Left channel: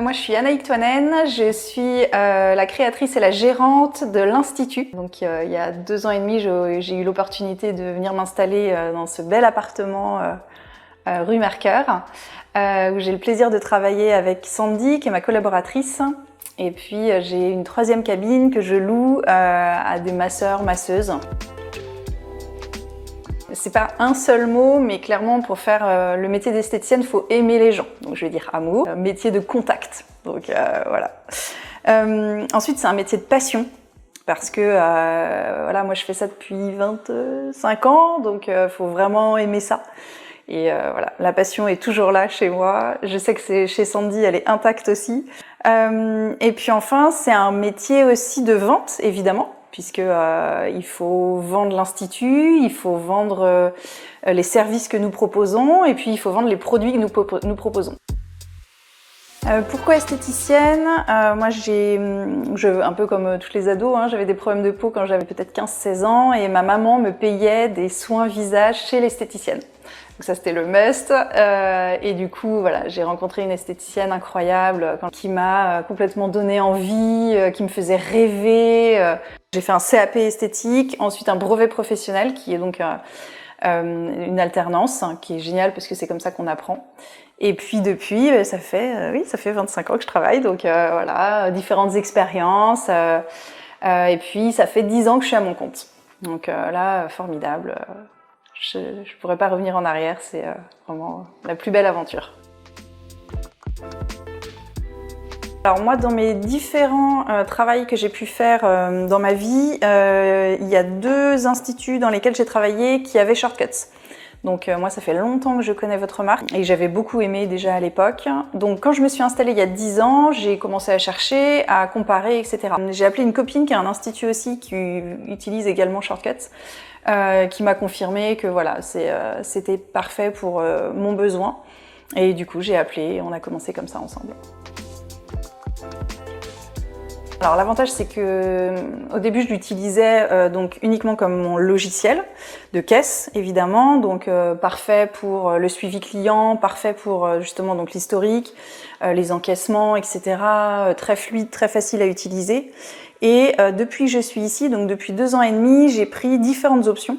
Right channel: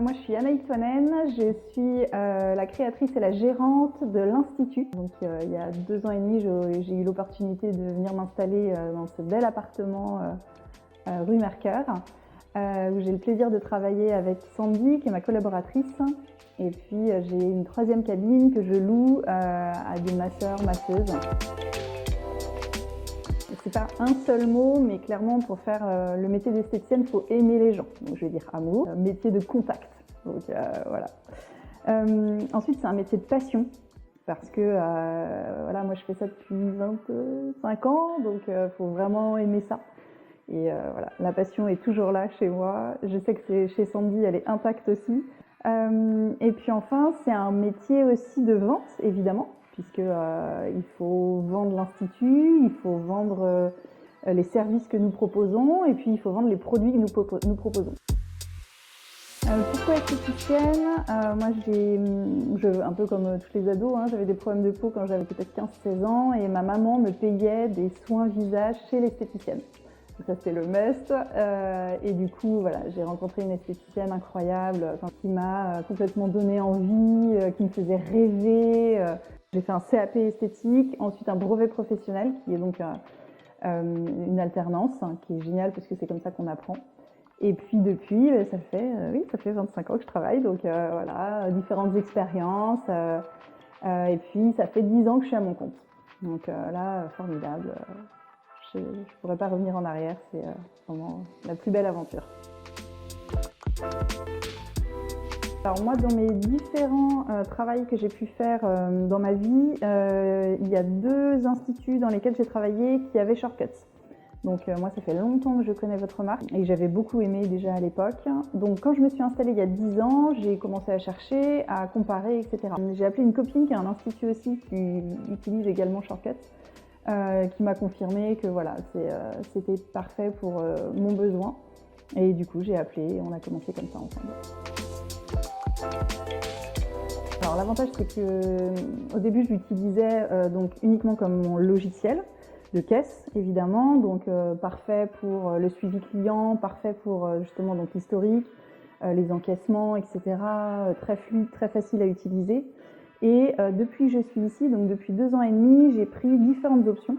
Moi, je suis Anaïque Toinen, je suis la créatrice et la gérante de l'Institut. Donc, il y a 2 ans et demi, j'ai eu l'opportunité de venir m'installer dans ce bel appartement rue Mercœur, où j'ai le plaisir de travailler avec Sandy, qui est ma collaboratrice. Et puis, j'ai une 3e cabine que je loue à des masseurs, masseuses. C'est pas un seul mot, mais clairement pour faire le métier d'esthéticienne, il faut aimer les gens. Donc je vais dire amour, métier de contact. Donc voilà. Ensuite, c'est un métier de passion parce que voilà, moi je fais ça depuis 25 ans, donc il faut vraiment aimer ça. Et voilà, la passion est toujours là chez moi. Je sais que c'est chez Sandy, elle est intacte aussi. Et puis enfin, c'est un métier aussi de vente, évidemment, puisque il faut vendre l'Institut, il faut vendre les services que nous proposons, et puis il faut vendre les produits que nous proposons. Pourquoi esthéticienne? Moi, un peu comme tous les ados, j'avais des problèmes de peau quand j'avais peut-être 15-16 ans, et ma maman me payait des soins visage chez l'esthéticienne. Donc ça, c'était le must. Et du coup, voilà, j'ai rencontré une esthéticienne incroyable qui m'a complètement donné envie, qui me faisait rêver. J'ai fait un CAP esthétique, ensuite un brevet professionnel qui est donc une alternance, qui est géniale parce que c'est comme ça qu'on apprend. Et puis depuis, ça fait 25 ans que je travaille, donc voilà, différentes expériences. Et puis ça fait 10 ans que je suis à mon compte. Donc là, formidable. Je ne pourrais pas revenir en arrière, c'est vraiment la plus belle aventure. Alors moi, dans mes différents travails que j'ai pu faire dans ma vie, il y a 2 instituts dans lesquels j'ai travaillé qui avaient Shortcuts. Donc moi, ça fait longtemps que je connais votre marque et j'avais beaucoup aimé déjà à l'époque. Donc quand je me suis installée il y a 10 ans, j'ai commencé à chercher, à comparer, etc. J'ai appelé une copine qui a un institut aussi qui utilise également Shortcuts. Qui m'a confirmé que voilà, c'était parfait pour mon besoin. Et du coup, j'ai appelé et on a commencé comme ça ensemble. Alors l'avantage, c'est que au début, je l'utilisais donc uniquement comme mon logiciel de caisse, évidemment, donc parfait pour le suivi client, parfait pour justement donc l'historique, les encaissements, etc. Très fluide, très facile à utiliser. Et depuis que je suis ici, donc depuis 2 ans et demi, j'ai pris différentes options,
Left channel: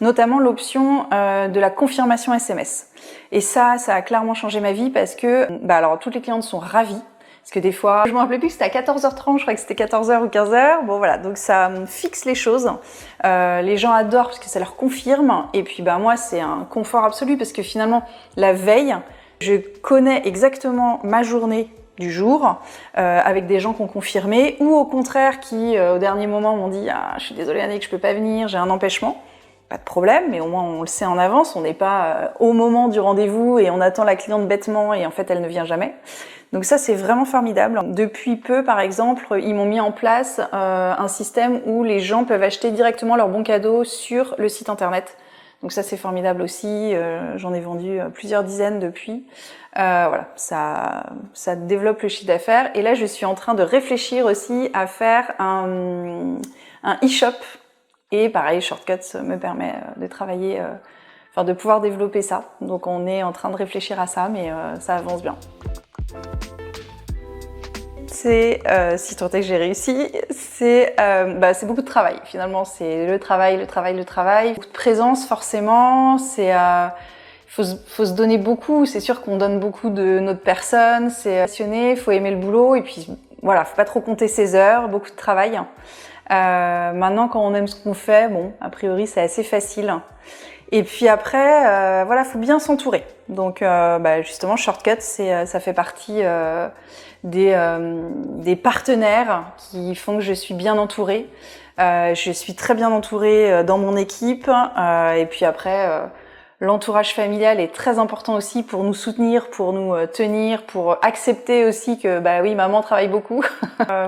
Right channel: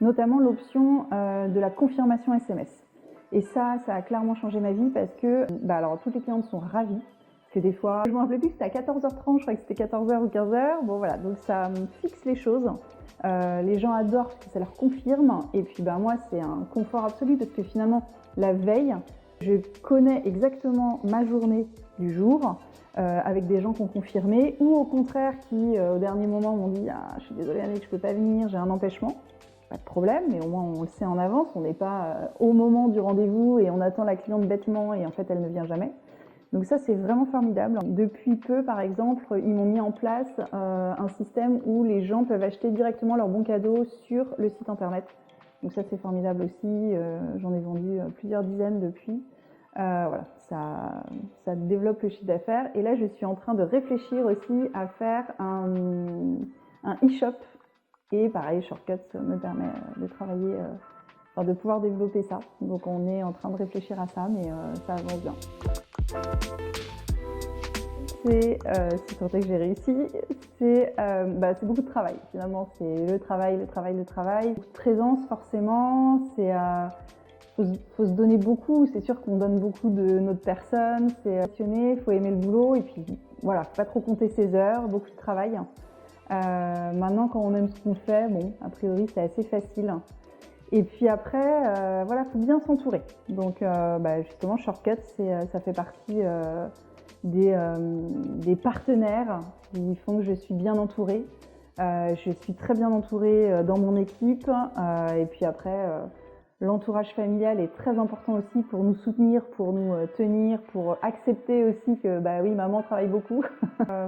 notamment l'option de la confirmation SMS. Et ça a clairement changé ma vie parce que alors toutes les clientes sont ravies. Parce que des fois, je me rappelais plus que c'était à 14h30, je crois que c'était 14h ou 15h. Bon voilà, donc ça fixe les choses. Les gens adorent parce que ça leur confirme. Et puis moi, c'est un confort absolu parce que finalement, la veille, je connais exactement ma journée du jour, avec des gens qui ont confirmé, ou au contraire qui, au dernier moment, m'ont dit « Ah, je suis désolée Annick, je peux pas venir, j'ai un empêchement ». Pas de problème, mais au moins on le sait en avance, on n'est pas au moment du rendez-vous et on attend la cliente bêtement et en fait elle ne vient jamais. Donc ça, c'est vraiment formidable. Depuis peu, par exemple, ils m'ont mis en place un système où les gens peuvent acheter directement leurs bons cadeaux sur le site internet. Donc ça, c'est formidable aussi. J'en ai vendu plusieurs dizaines depuis. Voilà, ça développe le chiffre d'affaires. Et là, je suis en train de réfléchir aussi à faire un e-shop. Et pareil, Shortcuts me permet de travailler, de pouvoir développer ça. Donc on est en train de réfléchir à ça, mais ça avance bien. C'est, si tant est que j'ai réussi, c'est beaucoup de travail. Finalement, c'est le travail. Beaucoup de présence, forcément. C'est faut se donner beaucoup. C'est sûr qu'on donne beaucoup de notre personne. C'est passionné, faut aimer le boulot. Et puis, voilà, faut pas trop compter ses heures. Beaucoup de travail. Maintenant, quand on aime ce qu'on fait, bon, a priori, c'est assez facile. Et puis après, voilà, faut bien s'entourer. Donc, justement, Shortcuts, ça fait partie des partenaires qui font que je suis bien entourée. Je suis très bien entourée dans mon équipe. Et puis après, l'entourage familial est très important aussi pour nous soutenir, pour nous tenir, pour accepter aussi que, oui, maman travaille beaucoup.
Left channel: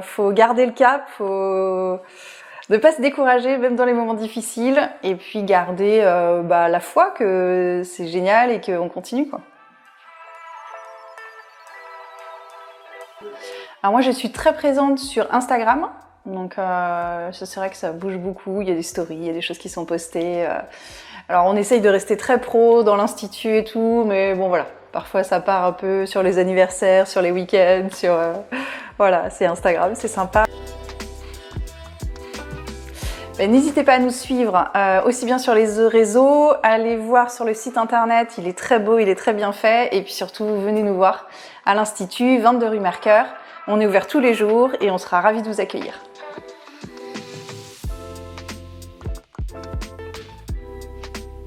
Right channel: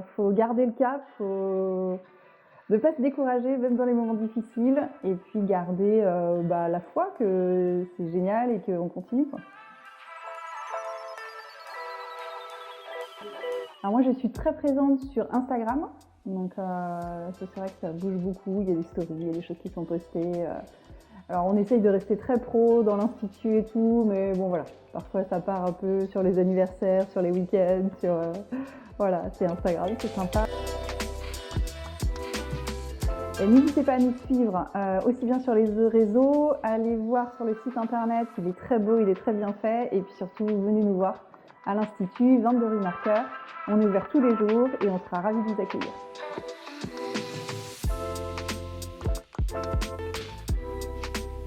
Faut garder le cap, faut ne pas se décourager même dans les moments difficiles et puis garder la foi que c'est génial et qu'on continue, quoi. Alors moi je suis très présente sur Instagram, Donc c'est vrai que ça bouge beaucoup, il y a des stories, il y a des choses qui sont postées. Alors on essaye de rester très pro dans l'institut et tout, mais bon voilà, parfois ça part un peu sur les anniversaires, sur les week-ends, sur... voilà, c'est Instagram, c'est sympa. N'hésitez pas à nous suivre aussi bien sur les réseaux, allez voir sur le site internet, il est très beau, il est très bien fait, et puis surtout venez nous voir à l'Institut, 22 rue Mercœur. On est ouvert tous les jours et on sera ravis de vous accueillir.